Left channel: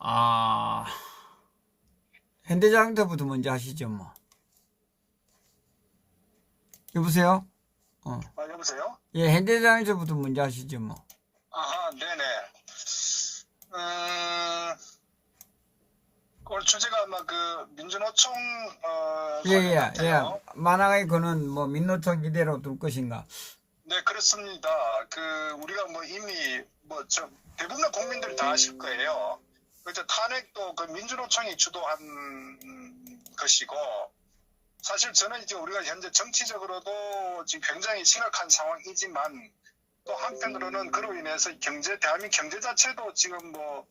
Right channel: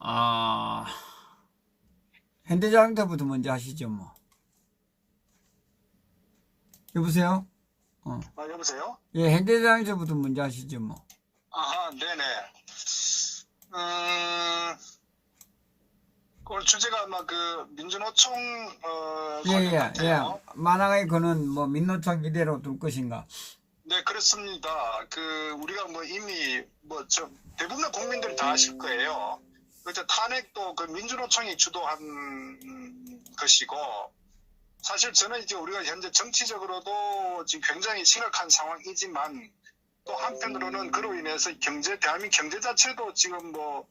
아, 현대자동차부터 먼저 하시죠, 뭐. 여보세요? 여보세요? 예, 현대자동차부터 먼저 하시죠, 뭐. 아하, 네네. 오늘 주제가 아마 그 민주노총 예, 관련 예, 같아요. 예. 만화의 그는 뭐 민노총 이대로 둘 것인가? 네, 그렇습니다. 우리가 뭐 이미 대부분의 국민들이 다 아실 거예요. 그때 탄핵도 그 민주노총이 주도한 것이고, 사실 저는 이제 우리가 현재 정치적으로도 지금 굉장히 심각한 상황이지만, 또 한편으로는 그로 인해서 대한민국 경제 자체도 지금 뭐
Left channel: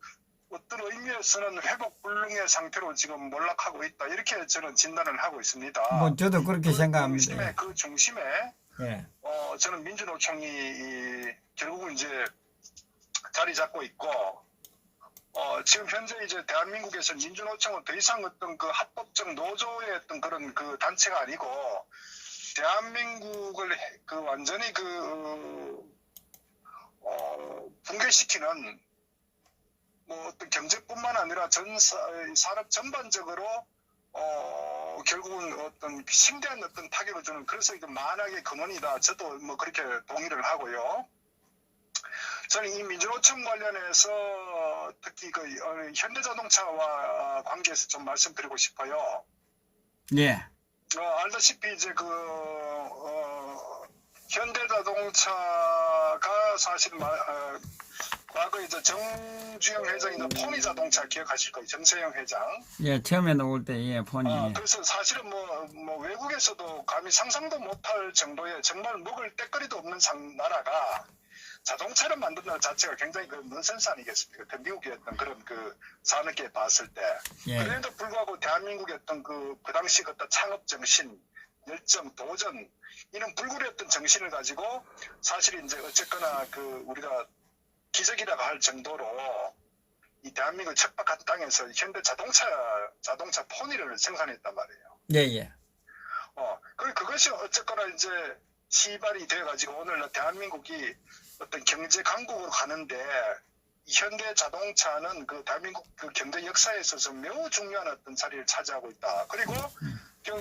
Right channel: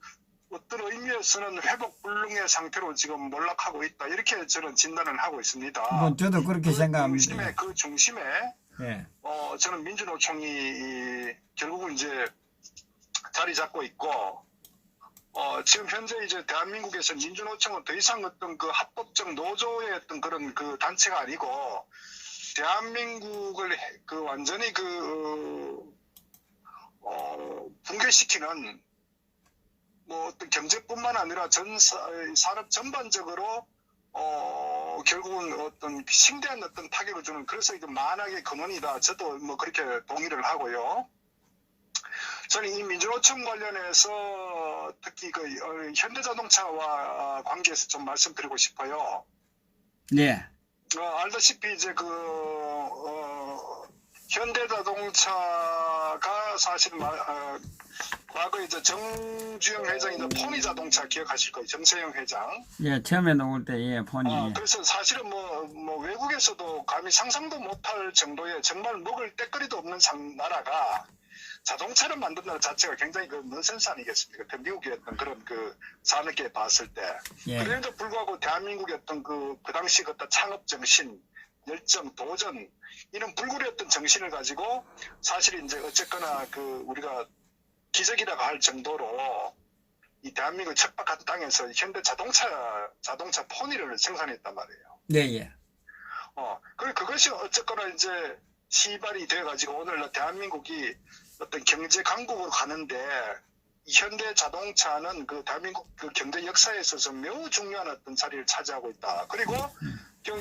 어떤 의미에서는 회복 불능의 상태로 지금 몰락하고 있다. 이렇게 저는 진단을 하고 있습니다. 뭐 저도 그렇게 생각합니다. 그 중심에 예. 저는 민주노총이 결국은 이제 자리 잡고 있고, 지금 현재 이제 대한민국에서 민주노총은 더 이상 어떤 그 합법적 노조의 어떤 그런 그 단체가 아니고, 대한민국을 완전히 붕괴시키는 뭐 어떤 경제뿐만 아니라 산업 전반적으로 결국은 어떤 심대한 어떤 타격을 주는, 그래서 이제 만악의 근원이다. 저도 뭐 그렇게 동의를 하고요. 저는 이 민주노총 관련해서 특히 현대자동차와 관계해서 좀 말씀드리고 싶어요. 네. 알다시피 이제 현대자동차가 사실 과거 이제 정주영 회장이나 포니자동차 기억하실 거예요. 정세영 회장. 예, 처음에 나올 때, 예, 폰이. 예. 그래서 사실은 뭐 외국에서도 감히 상상도 못할 정도의 정말 먹을 때거리도 없는 나라가 자동차를 만든다는 자체가 굉장히 넌센스 아니겠습니까? 미국의 어떤 그런 산업계에 봤을 때. 예. 그래도 불구하고 대한민국의 어떤 그 당시 어떤 창업 정신, 열정, 도전, 이런 불굴이었던 정신을 가지고 사실 이제 어쨌거나 우리가 기적이라고 할 정도로 이 대한민국 척박한 땅에서 현대 자동차 포니를 생산했단 말이에요. 예, 예. 그리고 그것이 어쨌거나 이제 시발이 돼가지고 오늘 대한민국이 어떤 경제 강국으로 가는데, 이 현대 자동차는 대한민국 경제 역사에 있어서 매우 중요한 어떤 자리를 차지하고 있다. 그리고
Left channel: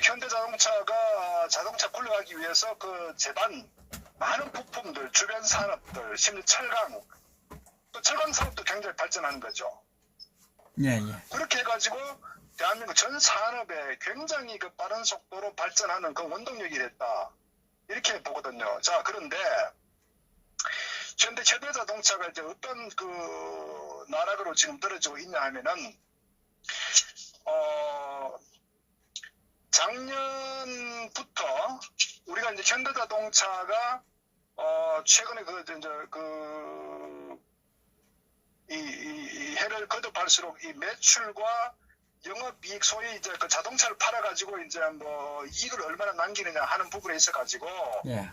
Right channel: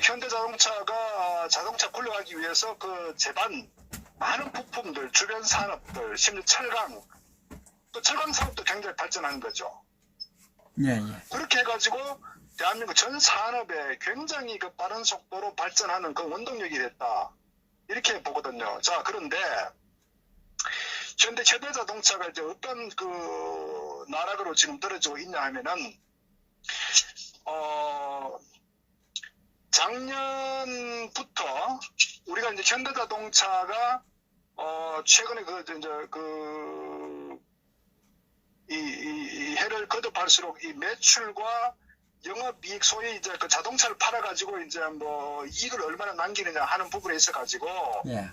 현대 자동차가 자동차 굴러가기 위해서 제반 많은 부품들, 주변 산업들, 심지어 철강, 또 철강 산업도 굉장히 발전하는 거죠. 예, 예. 그렇게 해가지고 대한민국 전 산업에 굉장히 빠른 속도로 발전하는 원동력이 됐다. 이렇게 보거든요. 자, 그런데 현대자동차가 이제 어떤 나락으로 지금 떨어지고 있냐 하면은, 작년부터 우리가 이제 현대자동차가 최근에 이 해를 거듭할수록 이 매출과 영업이익, 소위 이제 자동차를 팔아가지고 이제 뭐 이익을 얼마나 남기느냐 하는 부분에 있어가지고, 예.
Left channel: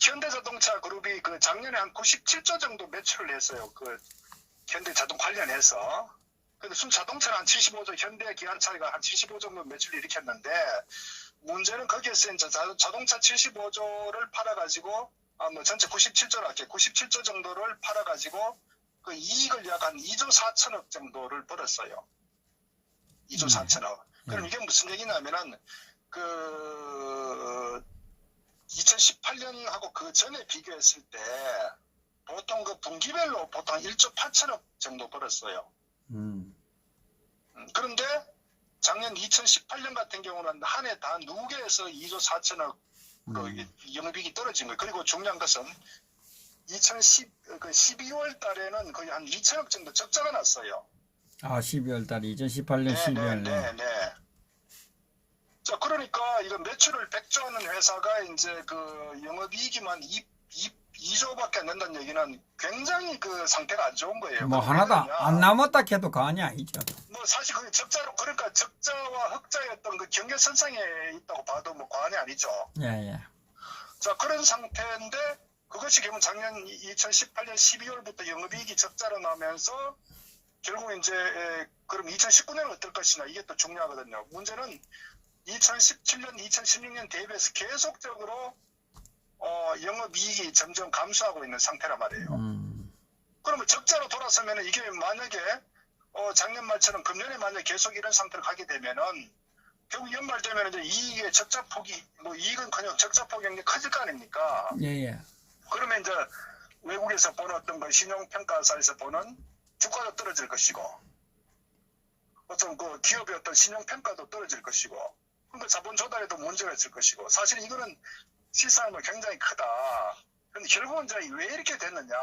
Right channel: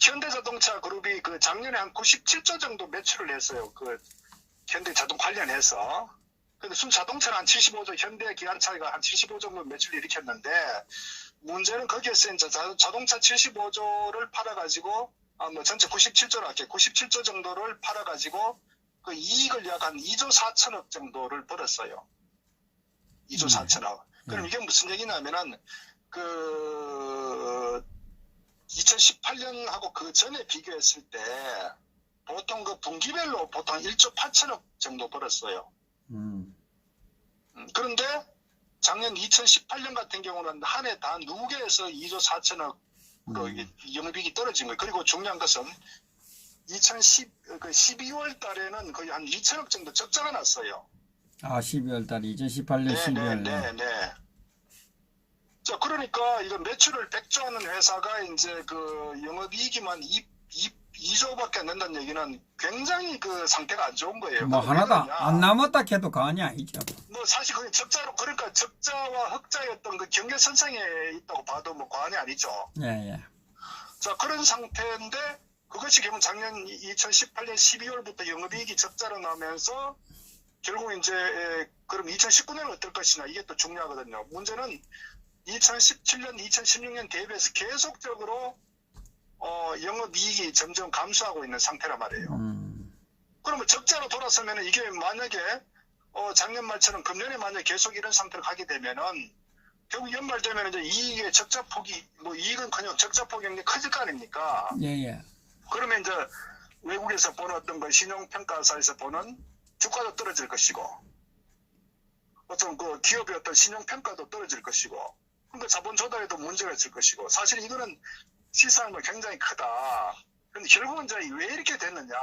현대자동차 그룹이 작년에 한 97조 정도 매출을 했어요. 현대자동 관련해서. 근데 순 자동차는 한 75조, 현대 기아차가 한 75조 정도 매출을 일으켰는데, 문제는 거기에서 이제 자동차 75조를 팔아가지고, 전체 97조로 할게요. 97조 정도를 팔아가지고, 이익을 약 한 2조 4천억 정도를 벌었어요. 2조 4천억. 그럼 이게 무슨 얘기냐면은, 2018년하고 그 전에 비교했을 때 보통 분기별로 보통 1조 8천억 정도 벌었어요. 그런데 작년 2018년 같은 경우는 한 해 단 2개에서 2조 4천억으로 영업이익이 떨어진 거예요. 그리고 중요한 것은 12월 달에는 거의 한 2천억 정도 적자가 났어요. 12월 달, 2018년 12월. 네. 자, 그러니까 이거 매출을 100조 하는 회사가 이제 영업이익이만 2조밖에 안 된다는 얘기는 굉장히 상태가 안 좋은 거예요. 뭐 하나도 안 남았다 해도 과언이 아니죠. 뭐 사실 그게 그러니까 적자와 흑자의 어떤 경계선상에 있다고 봐도 뭐 과언이 아니죠. 예, 예. 자, 그런 상태인데 그것이 결국 작년 2018년 12월부터 영업이익이 적자로 나면서 결국 이제 그럼 2019년은 어떨 것이냐, 이게 또 중요하거든요. 문제는 2017년, 2016년 대비해서 계속적으로 영업이익이 점점 감소하고 있는 상태란 말이에요. 그러면 적자로 돌아서면 이게 만약에 작년 말처럼 금년에 만약 계속 이런 상태로 가게 되면은 결국 연말 되면 이제 이익의 적자폭이 뭐 이익은 그냥 적자폭이 굉장히 커질 거 아닙니까? 예. 그러면 이제 외국에서 보는 어떤 그 신용평가사에서 보는 주가도 떨어질 것이고 어떤 그 기업의 어떤 신용평가도 떨어질 것이고 그러니까 자본 조달에도 문제가 있을 것이고 사실 이거는 시사하면 굉장히 크다. 그런데 결국은 이제 왜 이렇게 됐느냐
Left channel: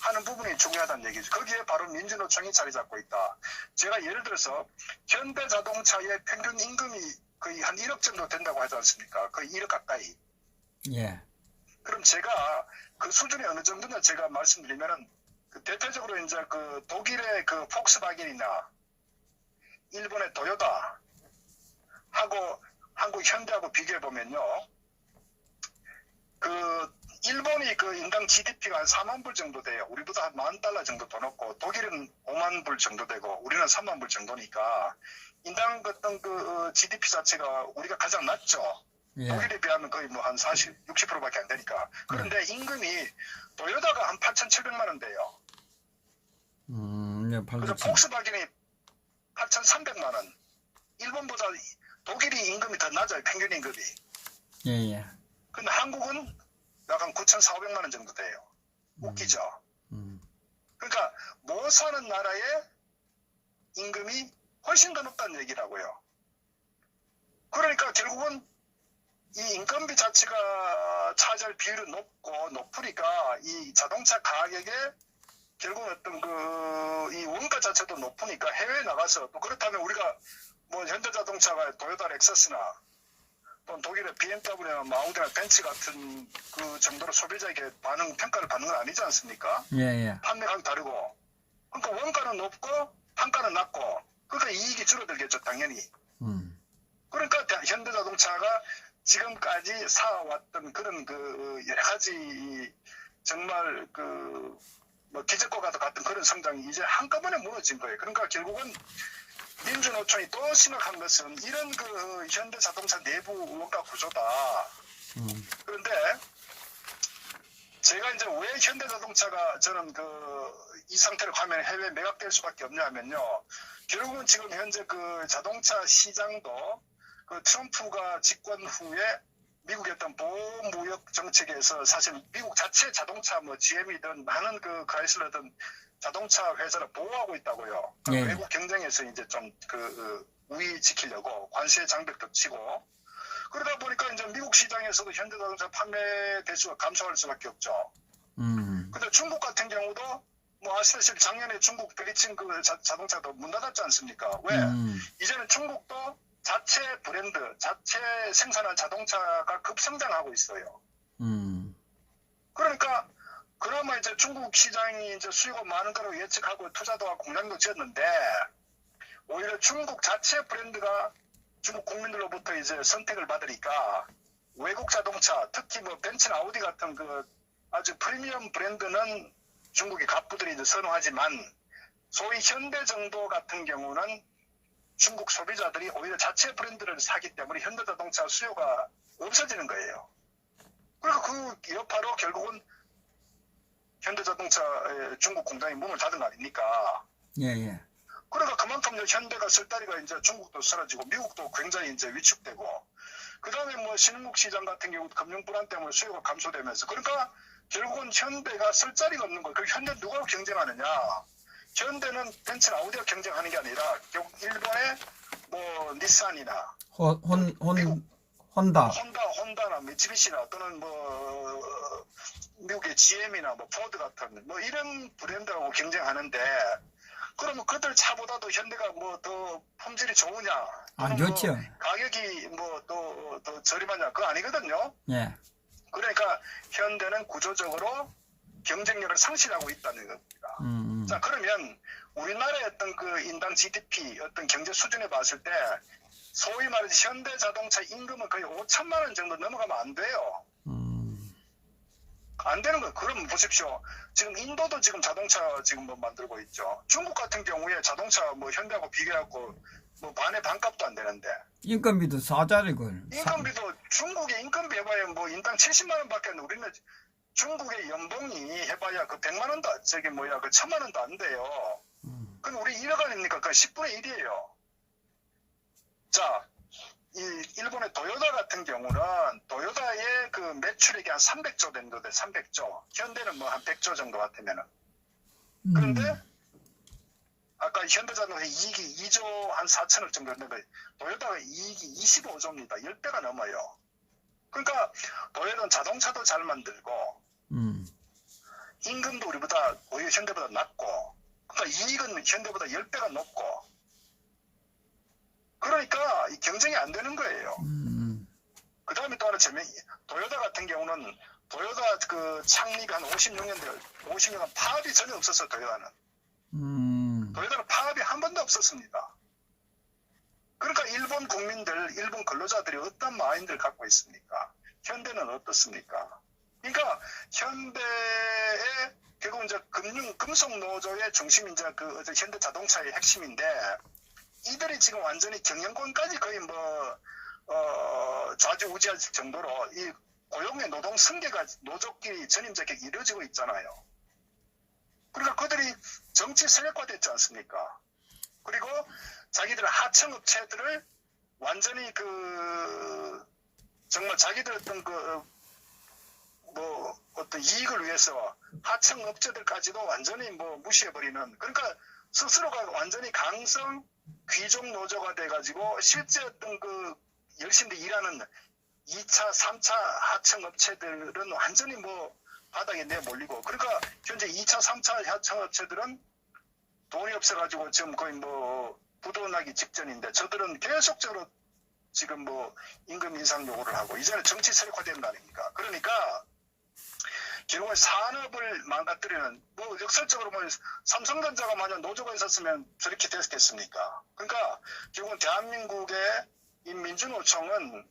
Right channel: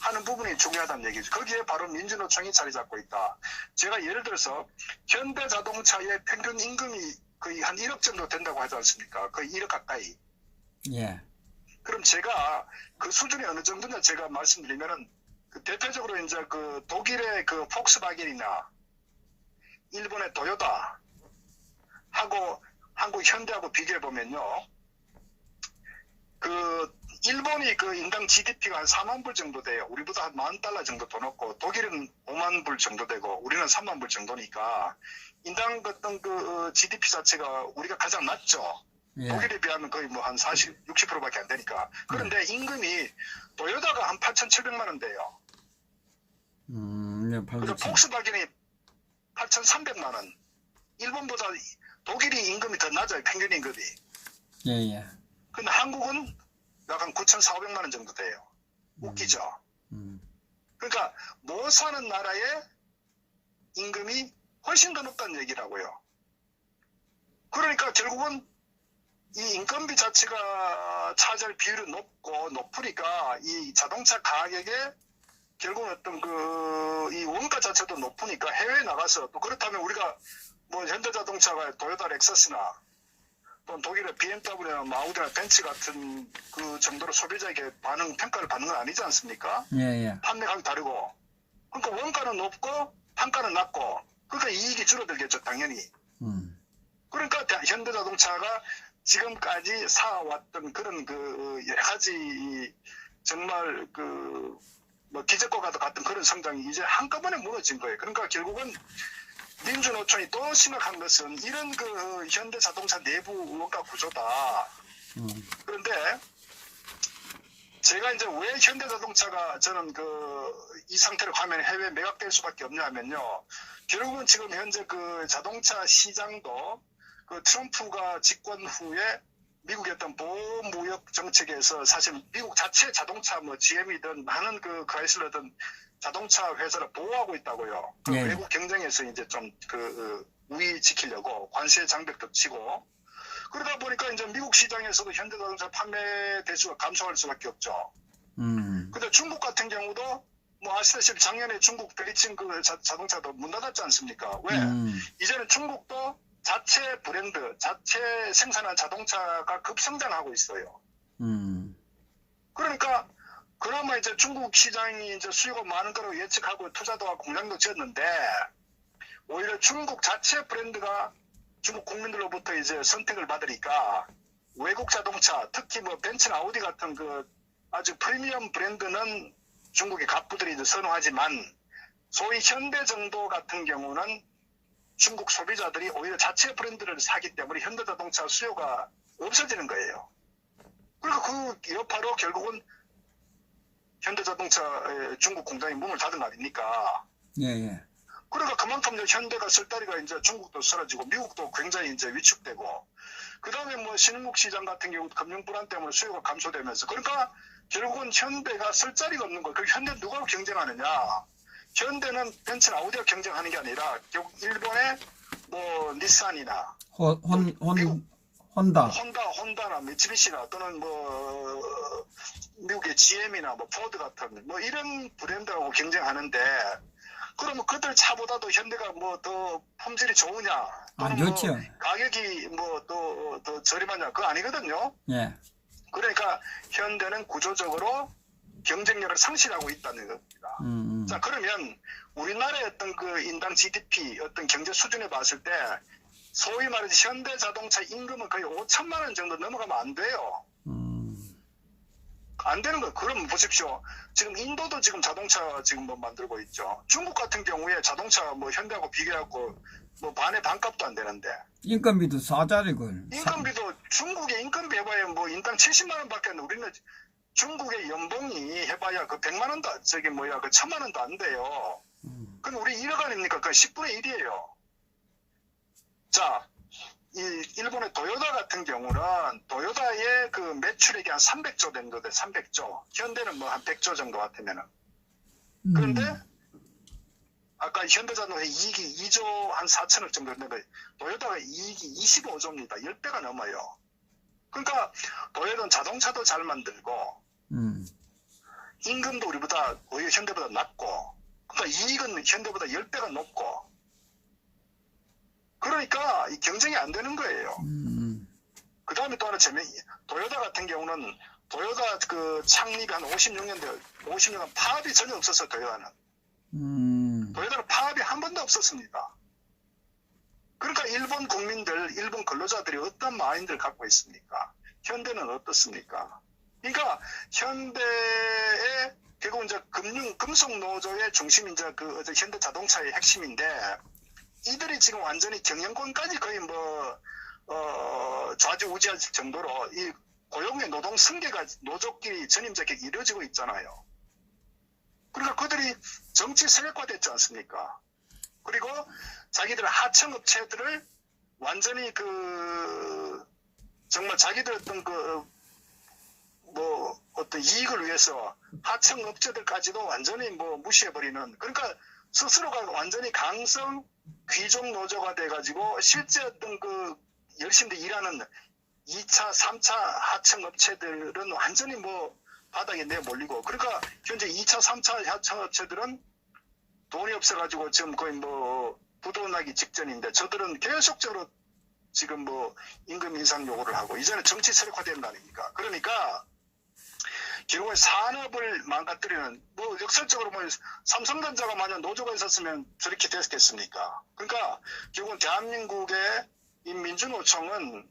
하는 부분이 중요하다는 얘기죠. 거기에 바로 민주노총이 자리 잡고 있다. 제가 예를 들어서 현대자동차의 평균 임금이 거의 한 1억 정도 된다고 하지 않습니까? 거의 1억 가까이. 예. 그럼 제가 그 수준이 어느 정도냐 제가 말씀드리면은 그 대표적으로 이제 그 독일의 그 폭스바겐이나 일본의 도요타 하고 한국 현대하고 비교해 보면요. 그 일본이 그 인당 GDP가 한 4만 불 정도 돼요. 우리보다 한 $10,000 정도 더 높고 독일은 5만 불 정도 되고 우리는 3만 불 정도니까 인당 어떤 그 GDP 자체가 우리가 가장 낮죠. 예. 독일에 비하면 거의 뭐 한 40, 60%밖에 안 되니까. 그런데 임금이 도요타가 한 8,700만 원 돼요. 예, 그리고 방금 폭스바겐이 8,300만 원. 일본보다 독일이 임금이 더 낮아요. 평균 임금이. 예. 근데 한국은 약 한 9,400만 원 정도 돼요. 웃기죠. 그러니까 못 사는 나라의 임금이 훨씬 더 높다는 얘기라고요. 그러니까 결국은 이 인건비 자체가 차지할 비율이 높으니까 이 자동차 가격에 결국은 어떤 이 원가 자체도 높으니까 해외에 나가서 또 그렇다면 우리가 뭐 현대자동차가 도요타 렉서스나 또 독일의 BMW나 아우디나 벤츠 같은 그 정도로 소비자에게 평가를 받는 건 아니지 않습니까? 예. 판매가격이 다르고. 그러니까 원가는 높고 판가는 낮고 그러니까 이익이 줄어들겠죠 당연히. 그러니까 현대자동차가 지금까지 쌓아왔던 그런 그 여러 가지 정말 그 뭐 기적과 같은 그런 성장이 이제 한꺼번에 무너진 거예요. 그러니까 결국은 민주노총이 또 심각한 것은 이런 그 현대자동차 내부 원가 구조다. 그런데 제가 이제 왜 현대자동차가 저는 이 상태로 가면 해외 매각될 수밖에 없냐 하면요. 결국은 지금 현재 그 자동차 시장도 그 트럼프가 집권 후에 미국의 어떤 보호무역 정책에서 사실 미국 자체 자동차 뭐 GM이든 많은 그 크라이슬러든 자동차 회사를 보호하고 있다고요. 그 외국 경쟁에서 이제 좀 우위 지키려고 관세 장벽도 치고 그러다 보니까 이제 미국 시장에서도 현대자동차 판매 대수가 감소할 수밖에 없죠. 근데 중국 같은 경우도 뭐 아시다시피 작년에 중국 베이징 그 자동차도 문 닫았지 않습니까? 왜? 이제는 중국도 자체 브랜드, 자체 생산한 자동차가 급성장하고 있어요. 그러니까 그나마 이제 중국 시장이 이제 수요가 많은 거로 예측하고 투자도 하고 공장도 지었는데 오히려 중국 자체 브랜드가 중국 국민들로부터 이제 선택을 받으니까 외국 자동차, 특히 뭐 벤츠나 아우디 같은 그 아주 프리미엄 브랜드는 중국의 갑부들이 이제 선호하지만 소위 현대 정도 같은 경우는 중국 소비자들이 오히려 자체 브랜드를 사기 때문에 현대자동차 수요가 없어지는 거예요. 그리고 그 여파로 결국은 현대자동차의 중국 공장이 문을 닫은 거 아닙니까? 예. 그러니까 그만큼 현대가 쓸 다리가 이제 중국도 사라지고 미국도 굉장히 이제 위축되고 그 다음에 뭐 신흥국 시장 같은 경우 금융 불안 때문에 수요가 감소되면서 그러니까 결국은 현대가 쓸 자리가 없는 거예요. 그 현대 누가 경쟁하느냐? 현대는 벤츠나 아우디가 경쟁하는 게 아니라 결국 일본의 뭐 닛산이나 혼다나 미쓰비시나 또는 뭐 미국의 GM이나 뭐 포드 같은 뭐 이런 브랜드하고 경쟁하는데 그러면 그들 차보다도 현대가 뭐 더 품질이 좋으냐 또는 좋죠. 뭐 가격이 뭐 더 저렴하냐 그거 아니거든요. 예. 그러니까 현대는 구조적으로 경쟁력을 상실하고 있다는 겁니다. 자, 그러면 우리나라의 어떤 그 인당 GDP 어떤 경제 수준에 봤을 때 소위 말해서 현대자동차 임금은 거의 5천만 원 정도 넘어가면 안 돼요. 안 되는 거예요. 그럼 보십시오. 지금 인도도 지금 자동차 지금 뭐 만들고 있죠. 중국 같은 경우에 자동차 뭐 현대하고 비교하고 뭐 반의 반값도 안 되는데. 인건비도 싸자리걸. 인건비도 중국의 인건비 해봐야 뭐 인당 70만 원밖에 안 돼. 우리는 중국의 연봉이 해봐야 그 100만 원도 저기 뭐야 그 1000만 원도 안 돼요. 그럼 우리 1억 아닙니까? 그 10분의 1이에요. 자, 이 일본의 도요타 같은 경우는 도요타의 그 매출액이 한 300조 정도 돼, 300조. 현대는 뭐 한 100조 정도 같으면은. 그런데 아까 현대자동차 이익이 2조 한 4천억 정도 했는데 도요타가 이익이 25조입니다. 10배가 넘어요. 그러니까 도요타는 자동차도 잘 만들고 임금도 우리보다 오히려 현대보다 낮고 그러니까 이익은 현대보다 10배가 높고 그러니까 이 경쟁이 안 되는 거예요. 그 다음에 또 하나 도요타 같은 경우는 도요타 그 창립이 한 56년대 50년간 파업이 전혀 없었어요. 도요타는 파업이 한 번도 없었습니다. 그러니까 일본 국민들, 일본 근로자들이 어떤 마인드를 갖고 있습니까? 현대는 어떻습니까? 그러니까 현대의 결국 이제 금속 노조의 중심이 이제 그 현대 자동차의 핵심인데 이들이 지금 완전히 경영권까지 거의 좌지우지할 정도로 이 고용의 노동 승계가 노조끼리 전임자격이 이루어지고 있잖아요. 그러니까 그들이 정치 세력화됐지 않습니까? 그리고 자기들 하청업체들을 완전히 정말 자기들 어떤 이익을 위해서 하청업체들까지도 완전히 무시해버리는 그러니까 스스로가 완전히 강성 귀족 노조가 돼가지고 실제 열심히 일하는 2차, 3차 하청업체들은 완전히 바닥에 내몰리고 그러니까 현재 2차, 3차 하청업체들은 돈이 없어가지고 지금 거의 부도나기 직전인데 저들은 계속적으로 지금 임금 인상 요구를 하고 이제는 정치 세력화되는 거 아닙니까? 그러니까 결국에 산업을 망가뜨리는 역설적으로 삼성전자가 만약 노조가 있었으면 저렇게 됐겠습니까? 그러니까 결국은 대한민국의 이 민주노총은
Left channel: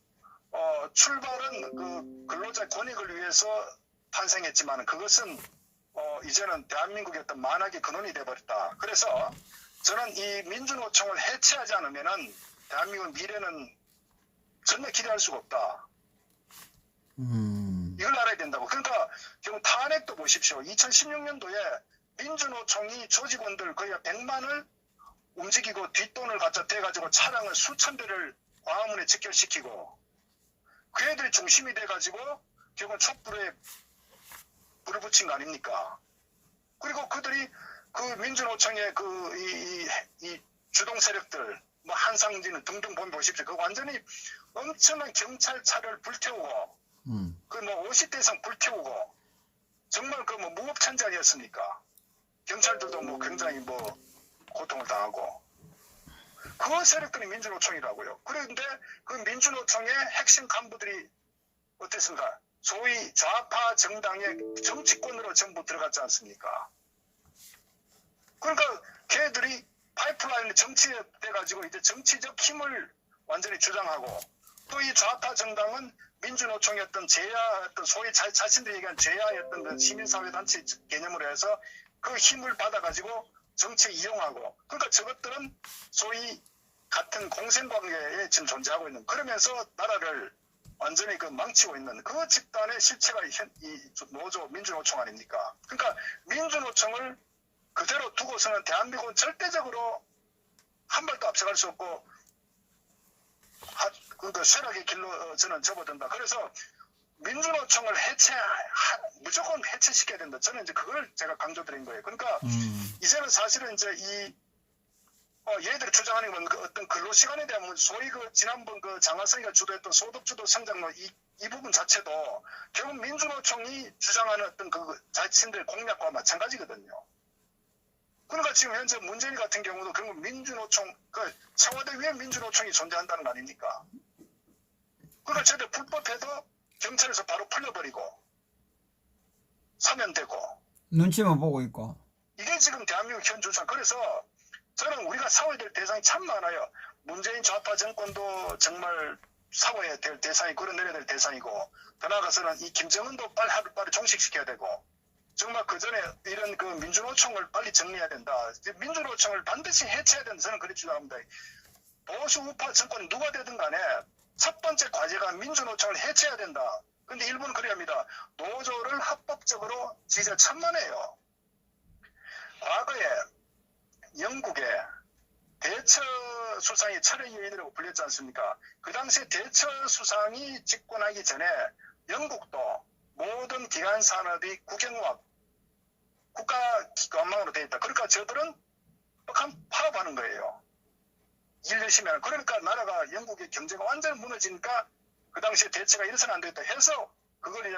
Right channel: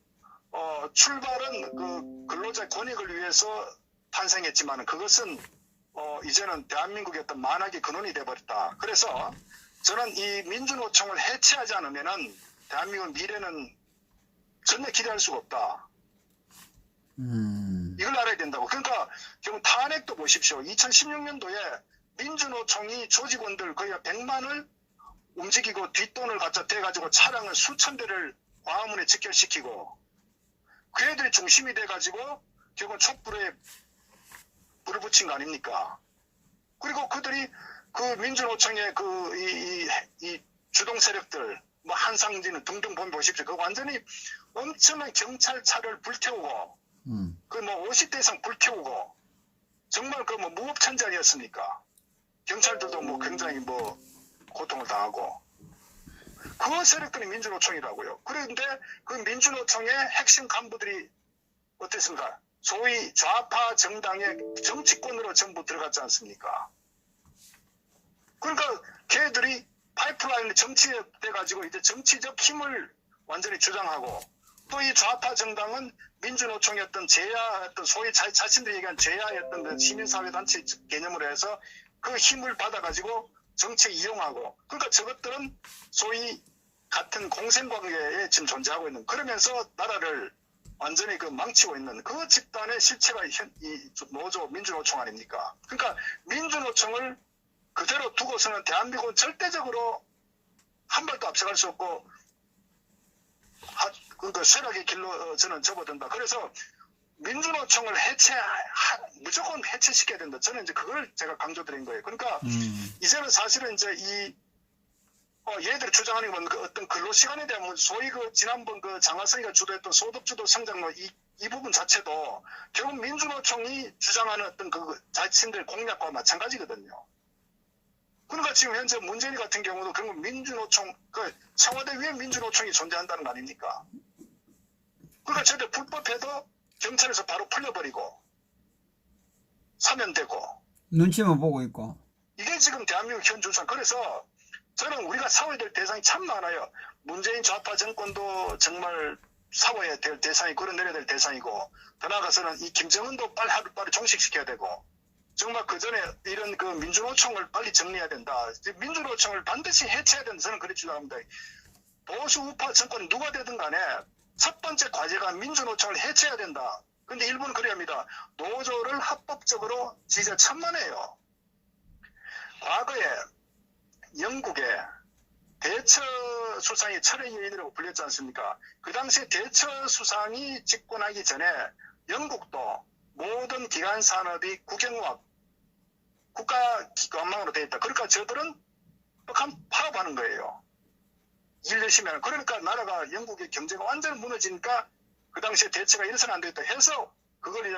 출발은 그 근로자 권익을 위해서 탄생했지만 그것은 이제는 대한민국의 어떤 만악의 근원이 돼버렸다. 그래서 저는 이 민주노총을 해체하지 않으면은 대한민국 미래는 전혀 기대할 수가 없다. 이걸 알아야 된다고. 그러니까 지금 탄핵도 보십시오. 2016년도에 민주노총이 조직원들 거의 100만을 움직이고 뒷돈을 갖다 대가지고 차량을 수천 대를 광화문에 직결시키고 그 애들이 중심이 돼가지고 결국은 촛불에 불을 붙인 거 아닙니까? 그리고 그들이 그 민주노총의 이 주동 세력들 한상진 등등 보십시오. 그 완전히 엄청난 경찰차를 불태우고 그 50대 이상 불태우고 정말 그 무법천지 아니었습니까? 경찰들도 굉장히 고통을 당하고 그 세력들이 민주노총이라고요. 그런데 그 민주노총의 핵심 간부들이 어땠습니까? 소위 좌파 정당의 정치권으로 전부 들어갔지 않습니까? 그러니까 걔들이 파이프라인에 정치돼가지고 이제 정치적 힘을 완전히 주장하고 또 이 좌파 정당은 민주노총이었던 제야였던 소위 자신들이 얘기한 제야였던 그 시민사회단체 개념으로 해서 그 힘을 받아가지고 정치에 이용하고 그러니까 저것들은 소위 같은 공생관계에 지금 존재하고 있는 그러면서 나라를 완전히 망치고 있는 그 집단의 실체가 이 노조 민주노총 아닙니까? 그러니까 민주노총을 그대로 두고서는 대한민국은 절대적으로 한 발도 앞서갈 수 없고 그러니까 쇠락의 길로 저는 접어든다. 그래서 민주노총을 무조건 해체시켜야 된다. 저는 이제 그걸 제가 강조드린 거예요. 그러니까 이제는 사실은 이제 얘들이 주장하는 건 어떤 근로시간에 대한 소위 지난번 장하성이가 주도했던 소득주도 성장로 이 부분 자체도 결국 민주노총이 주장하는 어떤 자신들 공약과 마찬가지거든요. 그러니까 지금 현재 문재인 같은 경우도 그런 민주노총, 청와대 위에 민주노총이 존재한다는 거 아닙니까? 그러니까 저들 불법해도 경찰에서 바로 풀려버리고 사면되고 눈치만 보고 있고 이게 지금 대한민국 현 주장. 그래서 저는 우리가 싸워야 될 대상이 참 많아요. 문재인 좌파 정권도 정말 싸워야 될 대상이 끌어내려야 될 대상이고 더 나아가서는 이 김정은도 빨리 종식시켜야 되고 정말 그 전에 이런 민주노총을 빨리 정리해야 된다. 민주노총을 반드시 해체해야 된다. 저는 그렇게 주장합니다. 보수 우파 정권이 누가 되든 간에 첫 번째 과제가 민주노총을 해체해야 된다. 근데 일본은 그래야 합니다. 노조를 합법적으로 지지천만해요. 과거에 영국의 대처 수상이 철의 여인이라고 불렸지 않습니까? 그 당시에 대처 수상이 집권하기 전에 영국도 모든 기관 산업이 국영화 국가 기관망으로 되어 있다. 그러니까 저들은 파업하는 거예요. 일 열심히 하는. 그러니까 나라가 영국의 경제가 완전히 무너지니까 그 당시에 대처가 일선 안 되겠다 해서 그걸 이제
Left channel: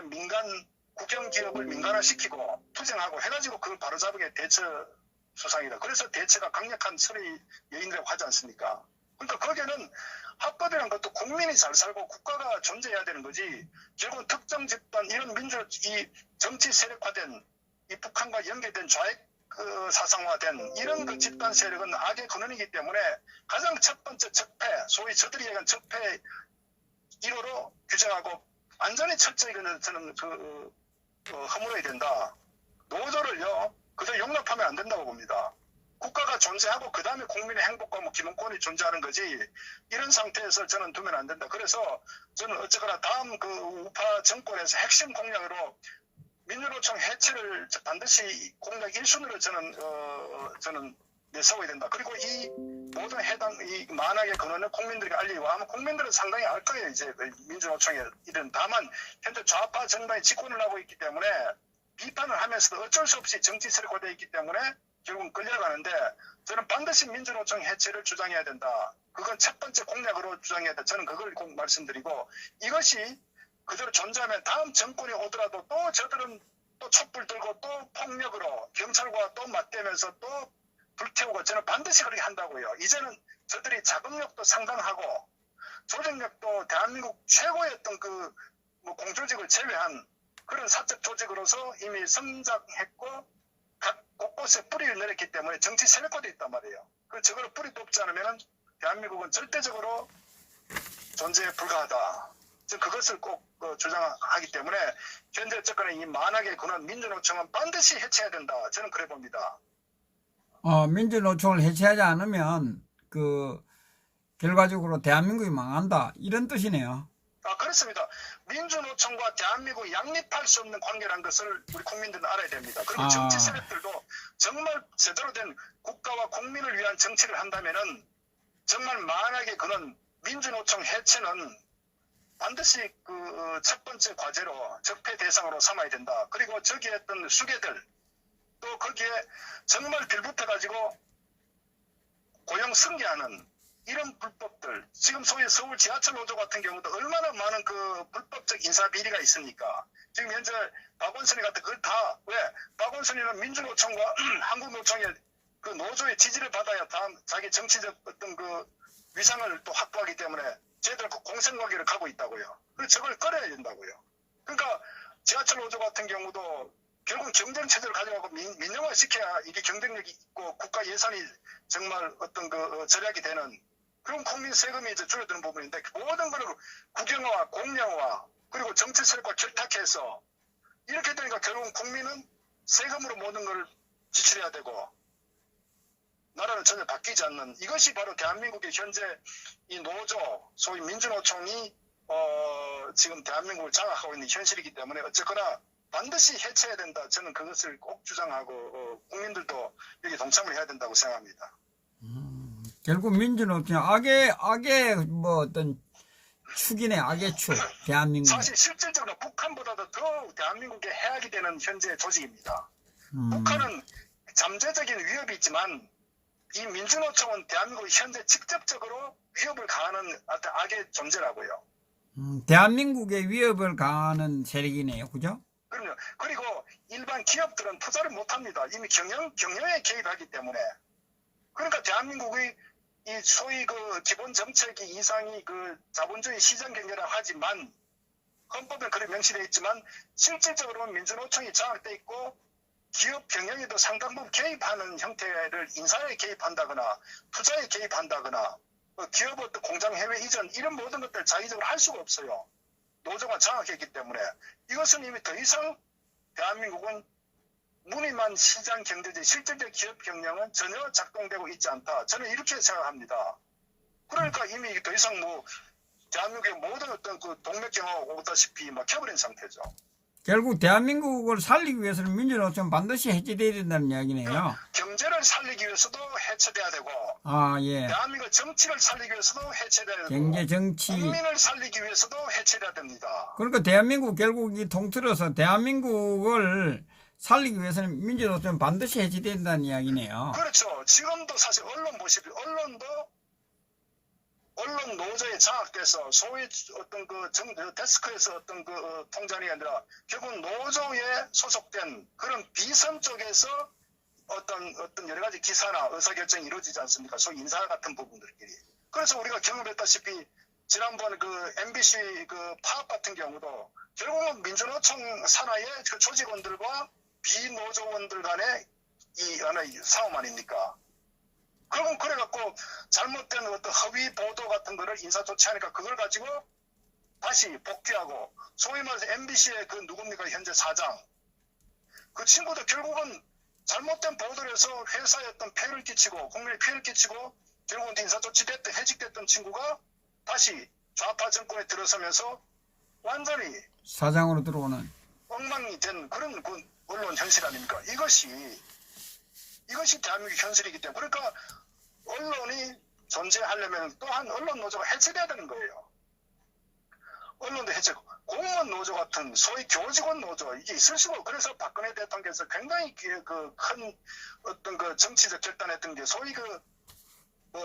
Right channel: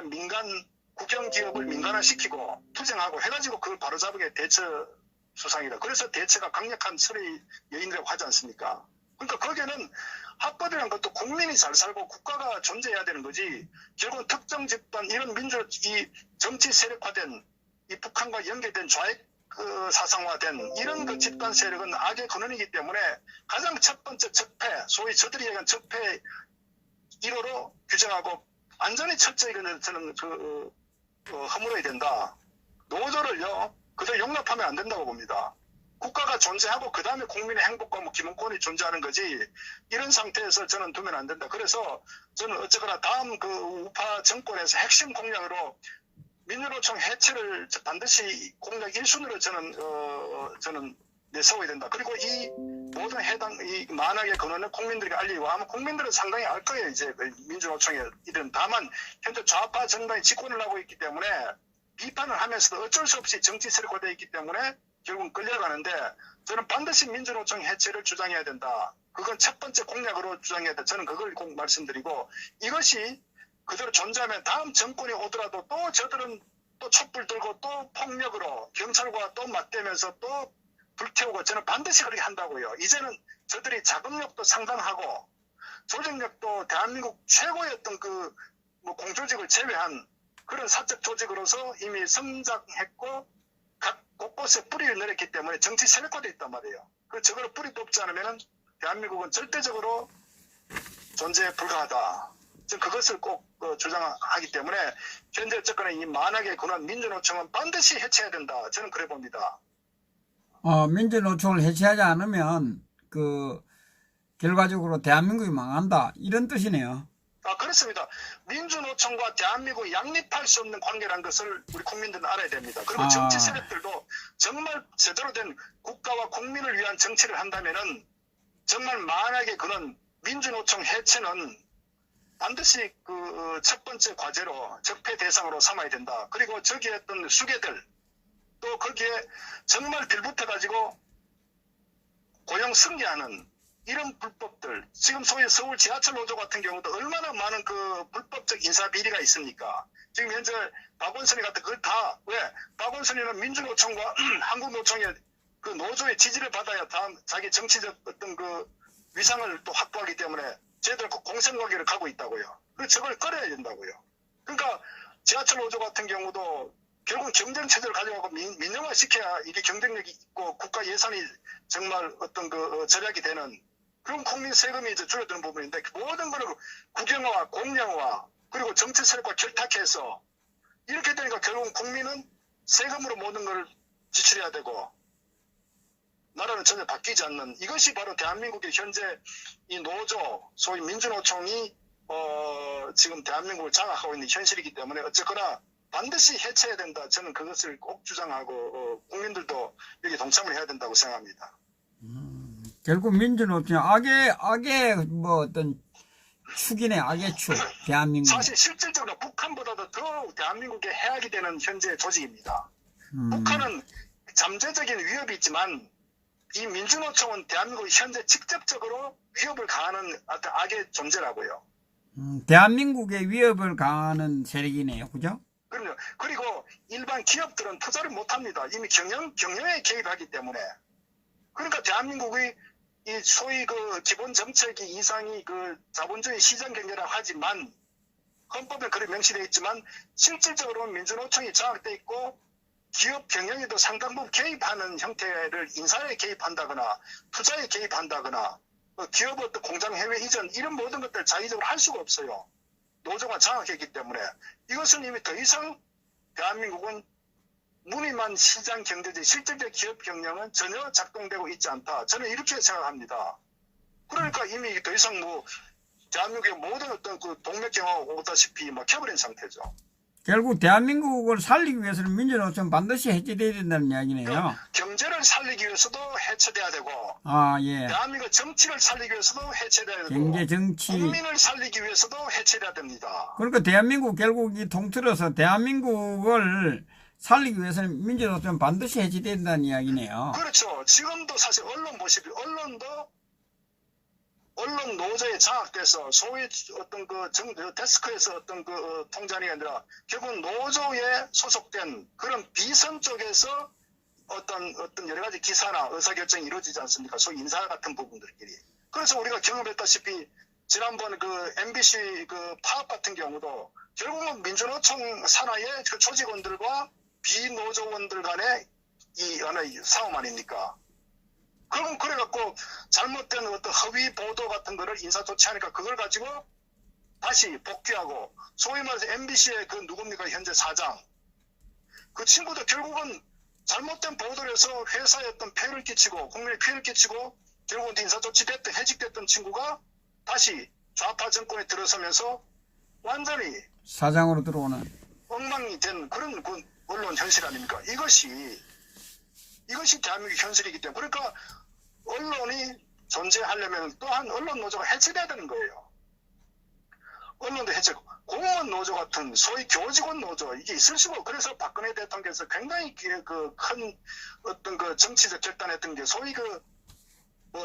국영 기업을 민간화시키고 투쟁하고 해가지고 그걸 바로잡은 게 대처 수상이다. 그래서 대처가 강력한 철의 여인이라고 하지 않습니까? 그러니까 거기에는 합법이라는 것도 국민이 잘 살고 국가가 존재해야 되는 거지. 결국 특정 집단 이런 이 정치 세력화된 이 북한과 연계된 좌익 사상화된 이런 그 집단 세력은 악의 근원이기 때문에 가장 첫 번째 적폐, 소위 저들이 얘기한 적폐 1호로 규정하고 완전히 철저히 저는 허물어야 된다. 노조를요, 그저 용납하면 안 된다고 봅니다. 국가가 존재하고 그 다음에 국민의 행복과 기본권이 존재하는 거지 이런 상태에서 저는 두면 안 된다. 그래서 저는 어쨌거나 다음 그 우파 정권에서 핵심 공약으로 민주노총 해체를 반드시 공약 1순위로 저는 내세워야 된다. 그리고 이 모든 이 만악의 근원을 국민들에게 알리고 아마 국민들은 상당히 알 거예요. 이제 민주노총의 일은. 다만 현재 좌파 정당이 집권을 하고 있기 때문에 비판을 하면서도 어쩔 수 없이 정치 세력화되어 있기 때문에 결국은 끌려가는데 저는 반드시 민주노총 해체를 주장해야 된다. 그건 첫 번째 공약으로 주장해야 된다. 저는 그걸 꼭 말씀드리고 이것이 그대로 존재하면 다음 정권이 오더라도 또 저들은 또 촛불 들고 또 폭력으로 경찰과 또 맞대면서 또 불태우고 저는 반드시 그렇게 한다고요. 이제는 저들이 자금력도 상당하고 조직력도 대한민국 최고의 어떤 공조직을 제외한 그런 사적 조직으로서 이미 성장했고 각 곳곳에 뿌리를 내렸기 때문에 정치 세력화되어 있단 말이에요. 그 저거를 뿌리 뽑지 않으면 대한민국은 절대적으로 존재 불가하다. 저는 그것을 꼭 주장하기 때문에 현재 어쨌거나 이 만악의 근원 민주노총은 반드시 해체해야 된다. 저는 그래 봅니다. 민주노총을 해체하지 않으면 결과적으로 대한민국이 망한다 이런 뜻이네요. 그렇습니다. 민주노총과 대한민국이 양립할 수 없는 관계라는 것을 우리 국민들은 알아야 됩니다. 그리고 정치 세력들도 정말 제대로 된 국가와 국민을 위한 정치를 한다면은 정말 만약에 그런 민주노총 해체는 반드시 첫 번째 과제로 적폐 대상으로 삼아야 된다. 그리고 저기에 어떤 수괴들 또 거기에 정말 빌붙어가지고 고용 승계하는 이런 불법들, 지금 소위 서울 지하철 노조 같은 경우도 얼마나 많은 불법적 인사 비리가 있습니까? 지금 현재 박원순이 같은 그걸 다, 왜? 박원순이는 민주노총과 한국노총의 노조의 지지를 받아야 다음 자기 정치적 어떤 위상을 또 확보하기 때문에 쟤들 공생관계를 가고 있다고요. 저걸 꺼려야 된다고요. 그러니까 지하철 노조 같은 경우도 결국 경쟁체제를 가져가고 민영화시켜야 이게 경쟁력이 있고 국가 예산이 정말 어떤 절약이 되는 그런 국민 세금이 이제 줄어드는 부분인데 모든 거는 국영화, 공영화 그리고 정치 세력과 결탁해서 이렇게 되니까 결국 국민은 세금으로 모든 걸 지출해야 되고 나라는 전혀 바뀌지 않는 이것이 바로 대한민국의 현재 이 노조, 소위 민주노총이 지금 대한민국을 장악하고 있는 현실이기 때문에 어쨌거나 반드시 해체해야 된다. 저는 그것을 꼭 주장하고 국민들도 여기 동참을 해야 된다고 생각합니다. 결국 민주노총 악의 어떤 축이네. 악의 축. 대한민국. 사실 실질적으로 북한보다도 더 대한민국에 해악이 되는 현재 조직입니다. 북한은 잠재적인 위협이 있지만 이 민주노총은 대한민국 현재 직접적으로 위협을 가하는 어떤 악의 존재라고요. 대한민국에 위협을 가하는 세력이네요. 그죠? 그럼요. 그리고 일반 기업들은 투자를 못합니다. 이미 경영에 개입하기 때문에. 그러니까 대한민국의 이 소위 기본 정책이 이상이 자본주의 시장 경제라고 하지만 헌법에 그렇게 명시되어 있지만 실질적으로는 민주노총이 장악되어 있고 기업 경영에도 상당 부분 개입하는 형태를 인사에 개입한다거나 투자에 개입한다거나 기업 어떤 공장 해외 이전 이런 모든 것들 자의적으로 할 수가 없어요. 노조가 장악했기 때문에 이것은 이미 더 이상 대한민국은 무늬만 시장 경제지 실질적 기업 경영은 전혀 작동되고 있지 않다. 저는 이렇게 생각합니다. 그러니까 이미 더 이상 대한민국의 모든 어떤 동맥경화가 오다시피 막혀버린 상태죠. 결국 대한민국을 살리기 위해서는 민주노총 반드시 해체돼야 된다는 이야기네요. 경제를 살리기 위해서도 해체돼야 되고, 아, 예. 대한민국 정치를 살리기 위해서도 해체돼야 되고, 경제, 정치. 국민을 살리기 위해서도 해체돼야 됩니다. 그러니까 대한민국 결국 이 통틀어서 대한민국을 살리기 위해서는 민주노총 반드시 해체된다는 이야기네요. 그렇죠. 지금도 사실 언론 보시면 언론도 언론 노조에 장악돼서 소위 어떤 데스크에서 어떤 통장이 아니라 결국 노조에 소속된 그런 비선 쪽에서 어떤 여러 가지 기사나 의사결정이 이루어지지 않습니까? 소위 인사 같은 부분들끼리. 그래서 우리가 경험했다시피 지난번 MBC 파업 같은 경우도 결국은 민주노총 산하의 그 조직원들과 비노조원들 간의 이 하나의 싸움 아닙니까? 그럼 그래갖고 잘못된 어떤 허위 보도 같은 거를 인사 조치하니까 그걸 가지고 다시 복귀하고 소위 말해서 MBC의 누굽니까 현재 사장 그 친구도 결국은 잘못된 보도를 해서 회사에 어떤 폐해를 끼치고 국민에 피해를 끼치고 결국은 인사 조치됐던 해직됐던 친구가 다시 좌파 정권에 들어서면서 완전히 사장으로 들어오는 엉망이 된 그런 언론 현실 아닙니까? 이것이 대한민국 현실이기 때문에 그러니까 언론이 존재하려면 또한 언론 노조가 해체돼야 되는 거예요. 언론도 해체고 공무원 노조 같은 소위 교직원 노조 이게 있을 수가 없고 그래서 박근혜 대통령께서 굉장히 큰 어떤 정치적 결단했던 게 소위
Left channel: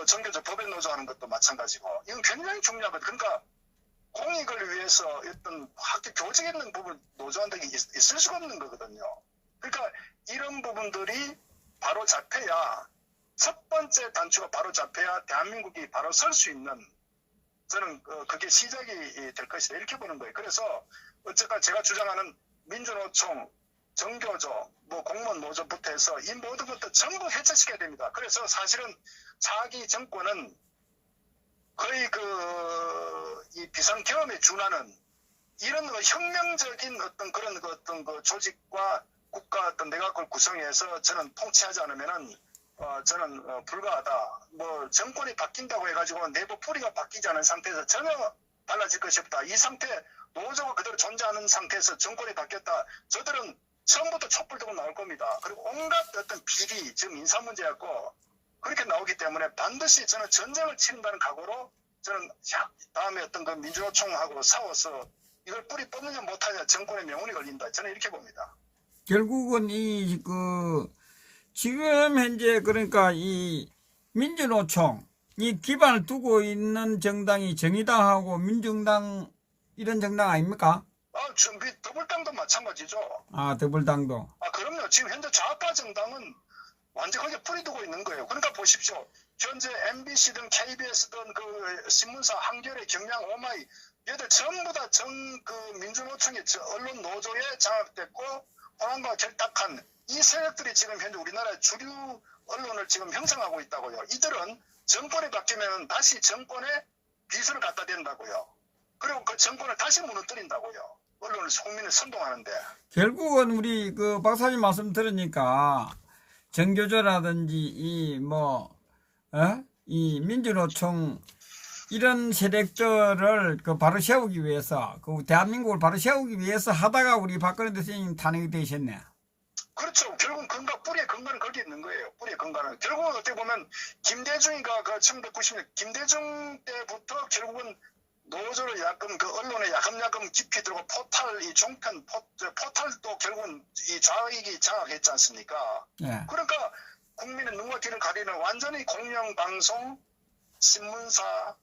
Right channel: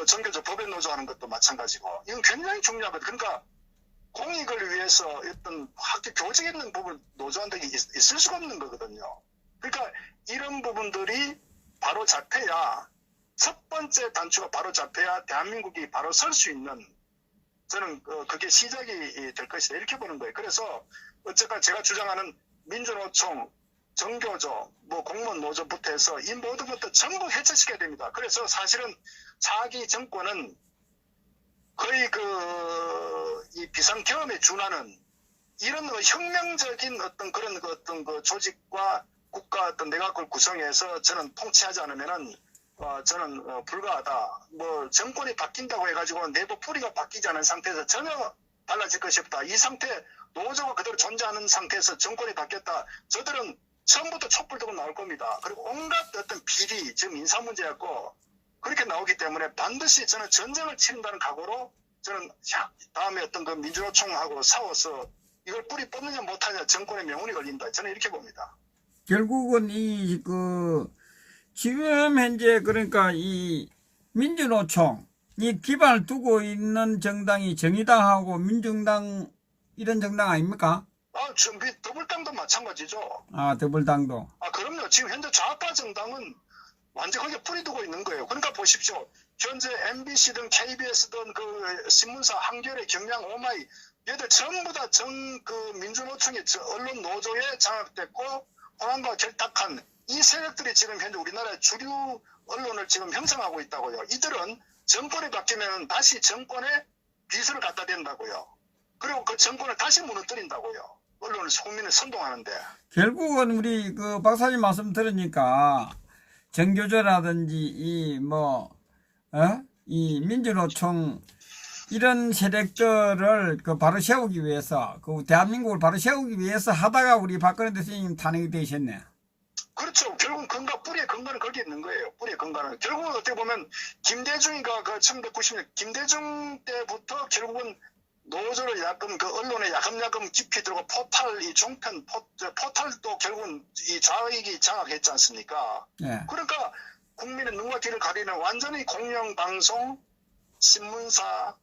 정교조 법인 노조 하는 것도 마찬가지고 이건 굉장히 중요하거든요. 그러니까 공익을 위해서 어떤 학교 교직에 있는 부분 노조한테 있을 수가 없는 거거든요. 그러니까 이런 부분들이 바로 잡혀야 첫 번째 단추가 바로 잡혀야 대한민국이 바로 설 수 있는 저는 그게 시작이 될 것이다 이렇게 보는 거예요. 그래서 어쨌든 제가 주장하는 민주노총, 정교조, 공무원 노조부터 해서 이 모든 것도 전부 해체시켜야 됩니다. 그래서 사실은 차기 정권은 거의 이 비상 경험에 준하는 이런 혁명적인 어떤 그런 조직과 국가 어떤 내각을 구성해서 저는 통치하지 않으면은 저는 불가하다. 정권이 바뀐다고 해가지고 내부 뿌리가 바뀌지 않은 상태에서 전혀 달라질 것이 없다. 이 상태 노조가 그대로 존재하는 상태에서 정권이 바뀌었다. 저들은 처음부터 촛불 들고 나올 겁니다. 그리고 온갖 어떤 비리, 지금 인사 문제였고 그렇게 나오기 때문에 반드시 저는 전쟁을 치른다는 각오로 저는 다음에 어떤 민주노총하고 싸워서 이걸 뿌리 뽑느냐 못하냐 정권의 명운이 걸린다. 저는 이렇게 봅니다. 결국은 지금 현재 그러니까 이 민주노총 이 기반을 두고 있는 정당이 정의당하고 민정당 이런 정당 아닙니까? 더불당도 마찬가지죠. 아, 더불당도. 그럼요. 지금 현재 좌파 정당은 완전 거기에 뿌리 두고 있는 거예요. 그러니까 보십시오. 현재 MBC든 KBS든 신문사 한겨레, 경향, 오마이 얘들 전부 다 민주노총의 언론 노조에 장악됐고 호남과 결탁한 이 세력들이 지금 현재 우리나라의 주류 언론을 지금 형성하고 있다고요. 이들은 정권이 바뀌면 다시 정권에 비서를 갖다 댄다고요. 그리고 그 정권을 다시 무너뜨린다고요. 언론을 국민을 선동하는데. 결국은 우리 박사님 말씀 들으니까 정교조라든지 이 민주노총 이런 세력들을 바로 세우기 위해서 대한민국을 바로 세우기 위해서 하다가 우리 박근혜 대통령님 탄핵이 되셨네. 그렇죠. 결국은 뿌리의 근간은 거기에 있는 거예요. 뿌리의 근간은. 결국은 어떻게 보면 김대중이가 1990년 김대중 때부터 결국은 노조를 언론에 야금야금 깊이 들고 이 종편 포탈도 결국은 이 좌익이 장악했지 않습니까? 네. 그러니까 국민의 눈과 귀를 가리는 완전히 공영방송, 신문사,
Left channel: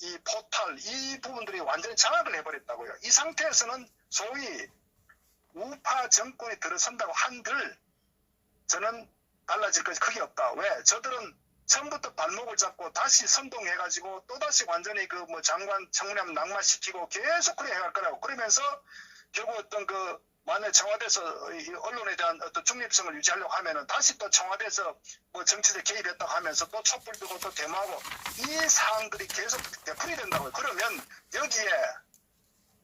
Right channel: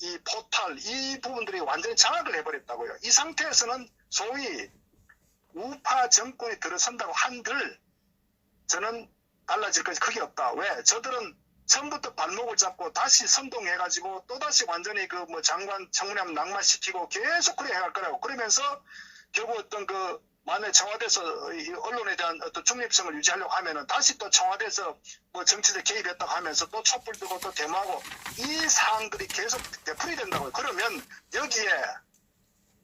이 포탈 이 부분들이 완전히 장악을 해버렸다고요. 이 상태에서는 소위 우파 정권이 들어선다고 한들 저는 달라질 것이 크게 없다. 왜? 저들은 처음부터 발목을 잡고 다시 선동해가지고 또다시 완전히 장관 청문회하면 낙마시키고 계속 그래 해갈 거라고. 그러면서 결국 어떤 만약 청와대에서 이 언론에 대한 어떤 중립성을 유지하려고 하면은 다시 또 청와대에서 정치적 개입했다고 하면서 또 촛불 들고 또 데모하고 이 사항들이 계속 되풀이 된다고요. 그러면 여기에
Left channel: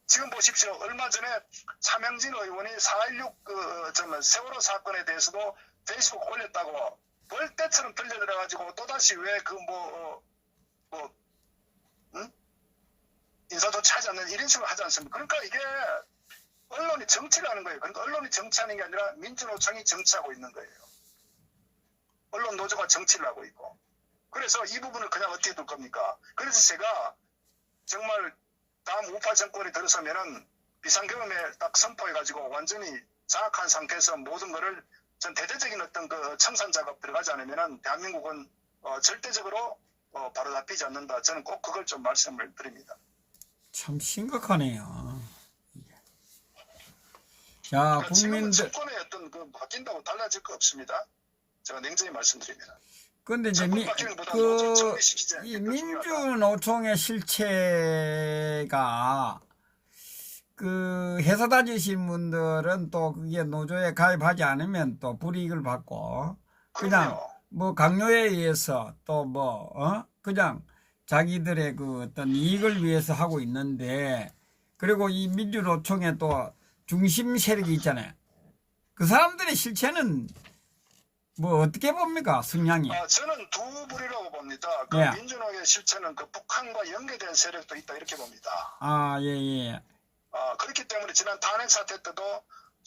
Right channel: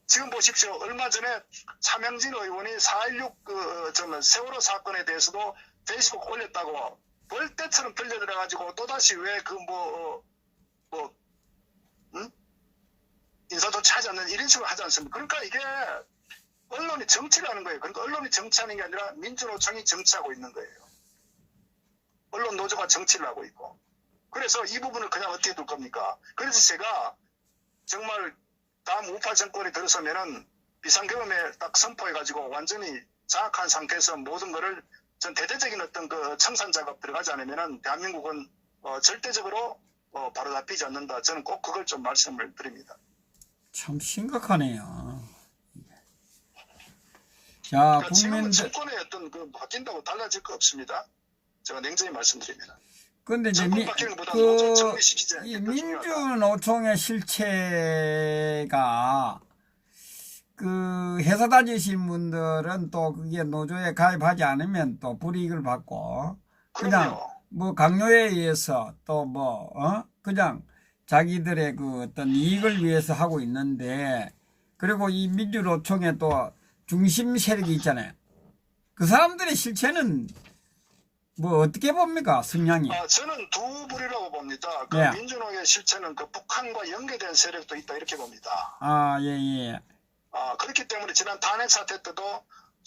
지금 보십시오. 얼마 전에 차명진 의원이 4.16 세월호 사건에 대해서도 페이스북 올렸다고 벌떼처럼 들려들어가지고 또다시 왜 인사 조치하지 않는 이런 식으로 하지 않습니까? 그러니까 이게 언론이 정치를 하는 거예요. 그러니까 언론이 정치하는 게 아니라 민주노총이 정치하고 있는 거예요. 언론 노조가 정치를 하고 있고. 그래서 이 부분을 그냥 어떻게 둘 겁니까? 그래서 제가 정말 다음 우파 정권이 들어서면은 비상경험에 딱 선포해가지고 완전히 장악한 상태에서 모든 거를 전 대대적인 어떤 그 청산 작업 들어가지 않으면은 대한민국은 절대적으로 바로 잡히지 않는다. 저는 꼭 그걸 좀 말씀을 드립니다. 참 심각하네요. 자, 그러니까 지금은 국민들. 정권의 어떤 그 바뀐다고 달라질 거 없습니다. 제가 냉정히 말씀드리면. 근데 이제 정권 바뀌는 것보다 노조 정비시키지 않는 이 게 더 중요하다. 민주노총의 실체가 그 회사 다니신 분들은 또 그게 노조에 가입하지 않으면 또 불이익을 받고 그냥 그럼요. 뭐 강요에 의해서 또 뭐 그냥 자기들의 그 어떤 이익을 위해서 하고 있는데 그리고 이 민주노총의 또 중심 세력이 있잖아요. 그 사람들의 실체는 뭐 어떻게 봅니까, 성향이? 저는 두 부류라고 봅니다. 그 네. 민주노의 실체는 그 북한과 연계된 세력도 있다 이렇게 봅니다. 아, 예, 예. 그렇기 때문에 지난 탄핵 사태 때도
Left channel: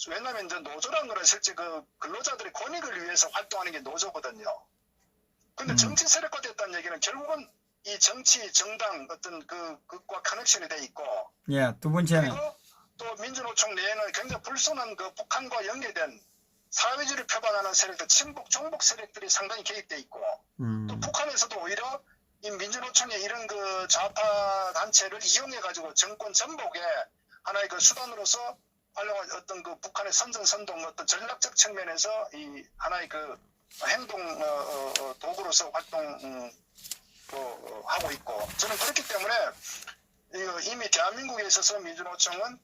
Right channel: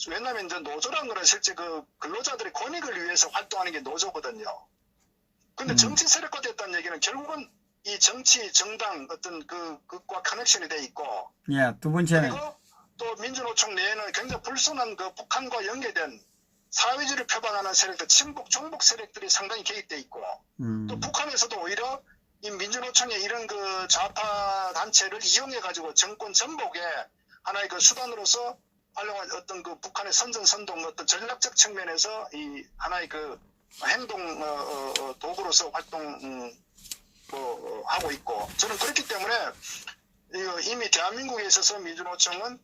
왜냐하면 이제 노조라는 거는 실제 그 근로자들의 권익을 위해서 활동하는 게 노조거든요. 근데 정치 세력화 됐다는 얘기는 결국은 이 정치 정당 어떤 그것과 커넥션이 돼 있고 예, 두 번째는 그리고 또 민주노총 내에는 굉장히 불순한 그 북한과 연계된 사회주의를 표방하는 세력들, 친북, 종북 세력들이 상당히 개입돼 있고 또 북한에서도 오히려 이 민주노총의 이런 그 좌파 단체를 이용해 가지고 정권 전복에 하나의 그 수단으로서 활용한 어떤 그 북한의 선전선동 어떤 전략적 측면에서 이 하나의 그 행동 도구로서 활동 하고 있고 저는 그렇기 때문에 이미 대한민국에 있어서 민주노총은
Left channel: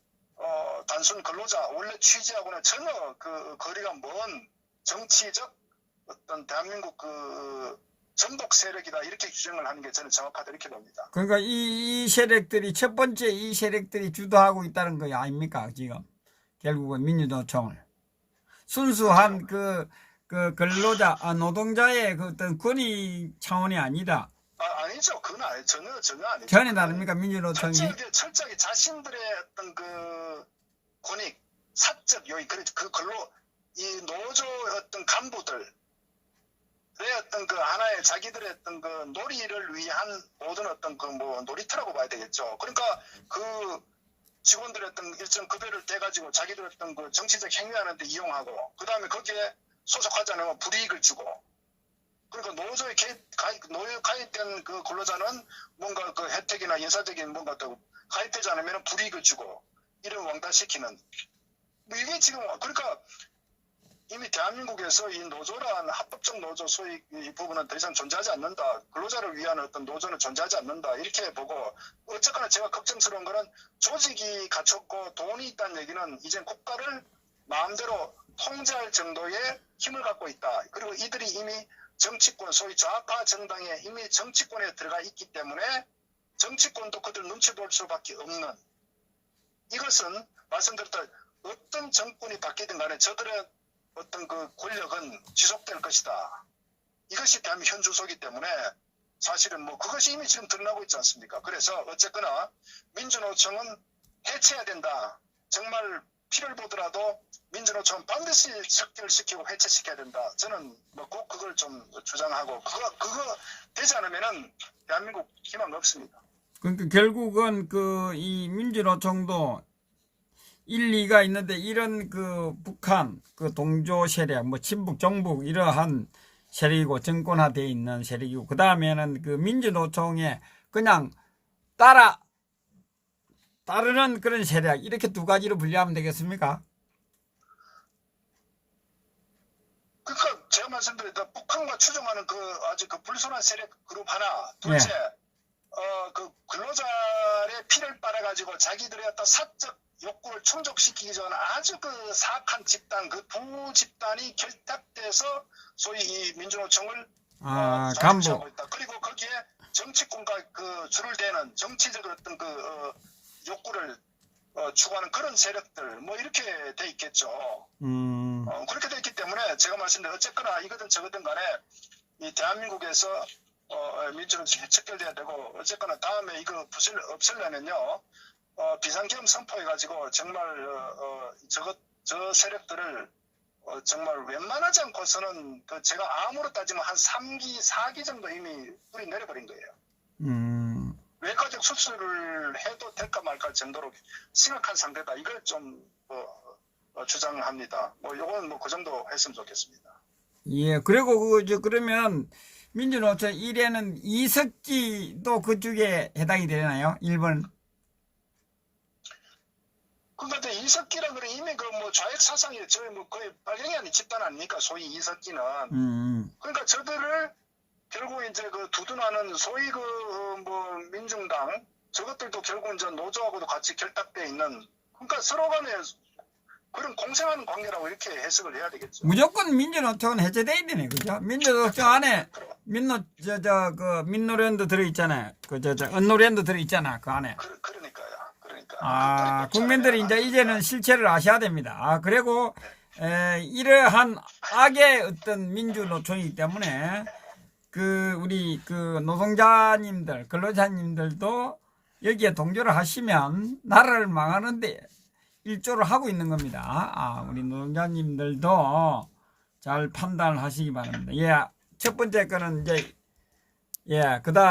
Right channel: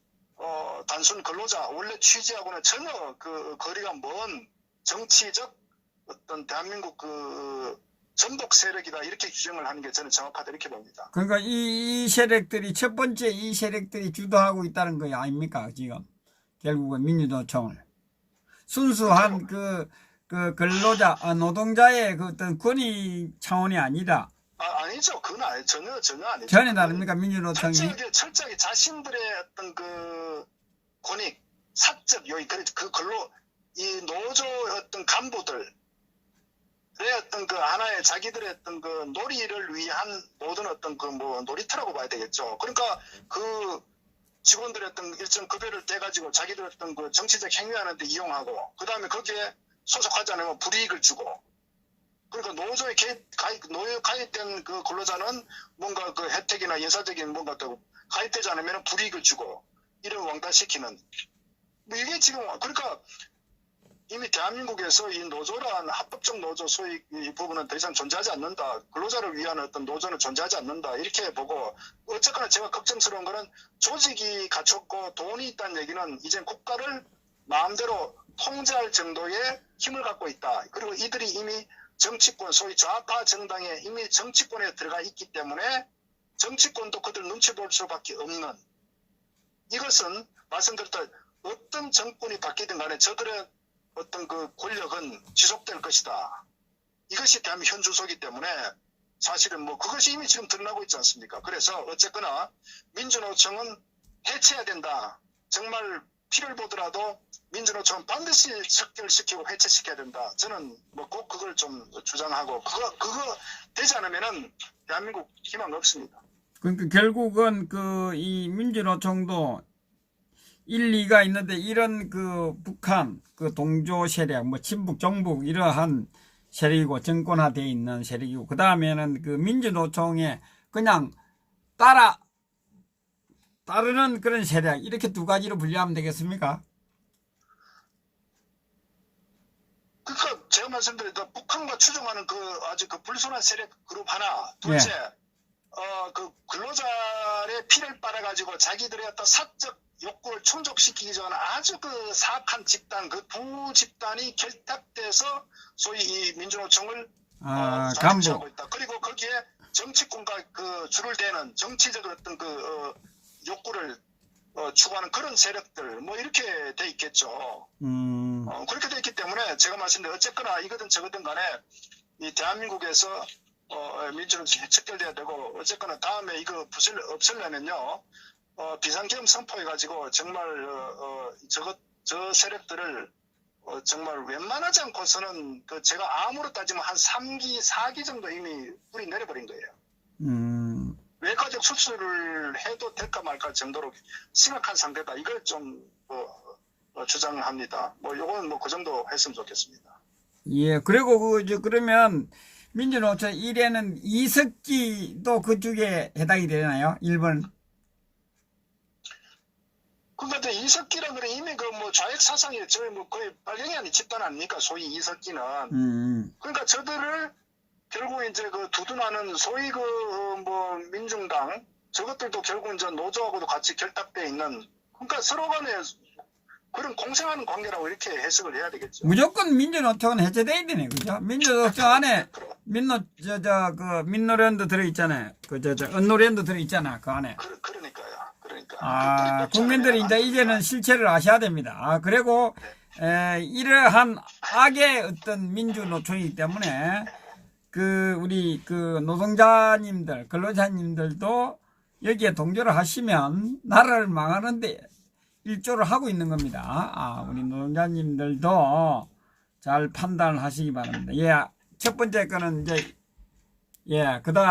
단순 근로자 원래 취지하고는 전혀 그 거리가 먼 정치적 어떤 대한민국 그 전복 세력이다 이렇게 규정을 하는 게 저는 정확하다 이렇게 봅니다. 그러니까 이 세력들이 첫 번째 이 세력들이 주도하고 있다는 거 아닙니까 지금 결국은 민주노총을 순수한 그 근로자 노동자의 그 어떤 권익 차원이 아니라 아니죠. 그건 전혀 아니죠. 전혀 다릅니까 민주노총이? 철저하게 자신들의 어떤 그 권익 사적 요인 그 근로 이 노조 어떤 간부들 어떤 그 하나의 자기들의 어떤 그 놀이를 위한 모든 어떤 그 뭐 놀이터라고 봐야 되겠죠. 그러니까 그 직원들의 어떤 일정 급여를 떼가지고 자기들 어떤 그 정치적 행위하는데 이용하고 그 다음에 거기에 소속하지 않으면 불이익을 주고 그러니까 노조에 가입된 그 근로자는 뭔가 그 혜택이나 예사적인 뭔가 또 가입되지 않으면 불이익을 주고 이런 왕따시키는 뭐 이게 지금 그러니까 이미 대한민국에서 이 노조란 합법적 노조 소위 이 부분은 더 이상 존재하지 않는다. 근로자를 위한 어떤 노조는 존재하지 않는다. 이렇게 보고 어쨌거나 제가 걱정스러운 거는 조직이 갖췄고 돈이 있다는 얘기는 이제 국가를 마음대로 통제할 정도의 힘을 갖고 있다. 그리고 이들이 이미 정치권 소위 좌파 정당에 이미 정치권에 들어가 있기 때문에 정치권도 그들 눈치 볼 수밖에 없는 이것은 말씀드렸다 어떤 정권이 바뀌든 간에 저들의 어떤 그 권력은 지속될 것이다. 이것이 대한민국 현 주소이기 때문에 사실은 뭐 그것이 이미 지금 드러나고 있지 않습니까? 그래서 어쨌거나 민주노총은 해체해야 된다. 정말 피를 보더라도 민주노총은 반드시 척결시키고 해체시켜야 된다. 저는 뭐 꼭 그걸 좀 주장하고 그거 되지 않으면은 대한민국 희망 없습니다. 그러니까 결국은 이 민주노총도 일리가 있는데 이런 그 북한 그 동조 세력 뭐 친북 정북 이러한 세력이고 정권화되어 있는 세력이고 그 다음에는 그 민주노총에 그냥 따르는 그런 세력 이렇게 두 가지로 분류하면 되겠습니까? 그러니까 제가 말씀드렸던 북한과 추종하는 그 아주 그 불순한 세력 그룹 하나 둘째 그 근로자의 피를 빨아가지고 자기들의 어떤 사적 욕구를 충족시키기 전에 아주 그 사악한 집단, 그 부집단이 결탁돼서 소위 이 민주노총을 자주하고 있다. 그리고 거기에 정치권과 그 줄을 대는 정치적 어떤 그 욕구를 추구하는 그런 세력들 뭐 이렇게 돼 있겠죠. 그렇게 돼 있기 때문에 제가 말씀드린 어쨌거나 이거든 저거든 간에 이 대한민국에서 민주노총이 척결돼야 되고 어쨌거나 다음에 이거 없애려면요. 비상계엄 선포해가지고 정말 저 세력들을 정말 웬만하지 않고서는 제가 암으로 따지면 한 3기, 4기 정도 이미 뿌리 내려버린 거예요. 외과적 수술을 해도 될까 말까 정도로 심각한 상태다. 이걸 좀 주장합니다. 요건 그 정도 했으면 좋겠습니다. 예, 그리고 그러면 민주노총 1에는 이석기도 그쪽에 해당이 되나요? 1번. 그런데 이석기라 그래 이미 좌익 사상이 저희 거의 발령이 아닌 집단 아닙니까? 소위 이석기는. 그러니까 저들을 결국 이제 두둔하는 소위 민중당 저것들도 결국 이제 노조하고도 같이 결탁돼 있는 그러니까 서로 간에 그런 공생하는 관계라고 이렇게 해석을 해야 되겠죠. 무조건 민주노총은 해제돼야 되네, 그죠? 민주노총 안에 민노련도 들어있잖아요. 언노련도 들어있잖아, 그 안에. 그러니까. 국민들이 이제는 실체를 아셔야 됩니다. 그리고 이러한 악의 어떤 민주노총이기 때문에 우리 노동자님들, 근로자님들도 여기에 동조를 하시면 나라를 망하는데 일조를 하고 있는 겁니다. 우리 노동자님들도 잘 판단을 하시기 바랍니다. 첫 번째 거는 그다음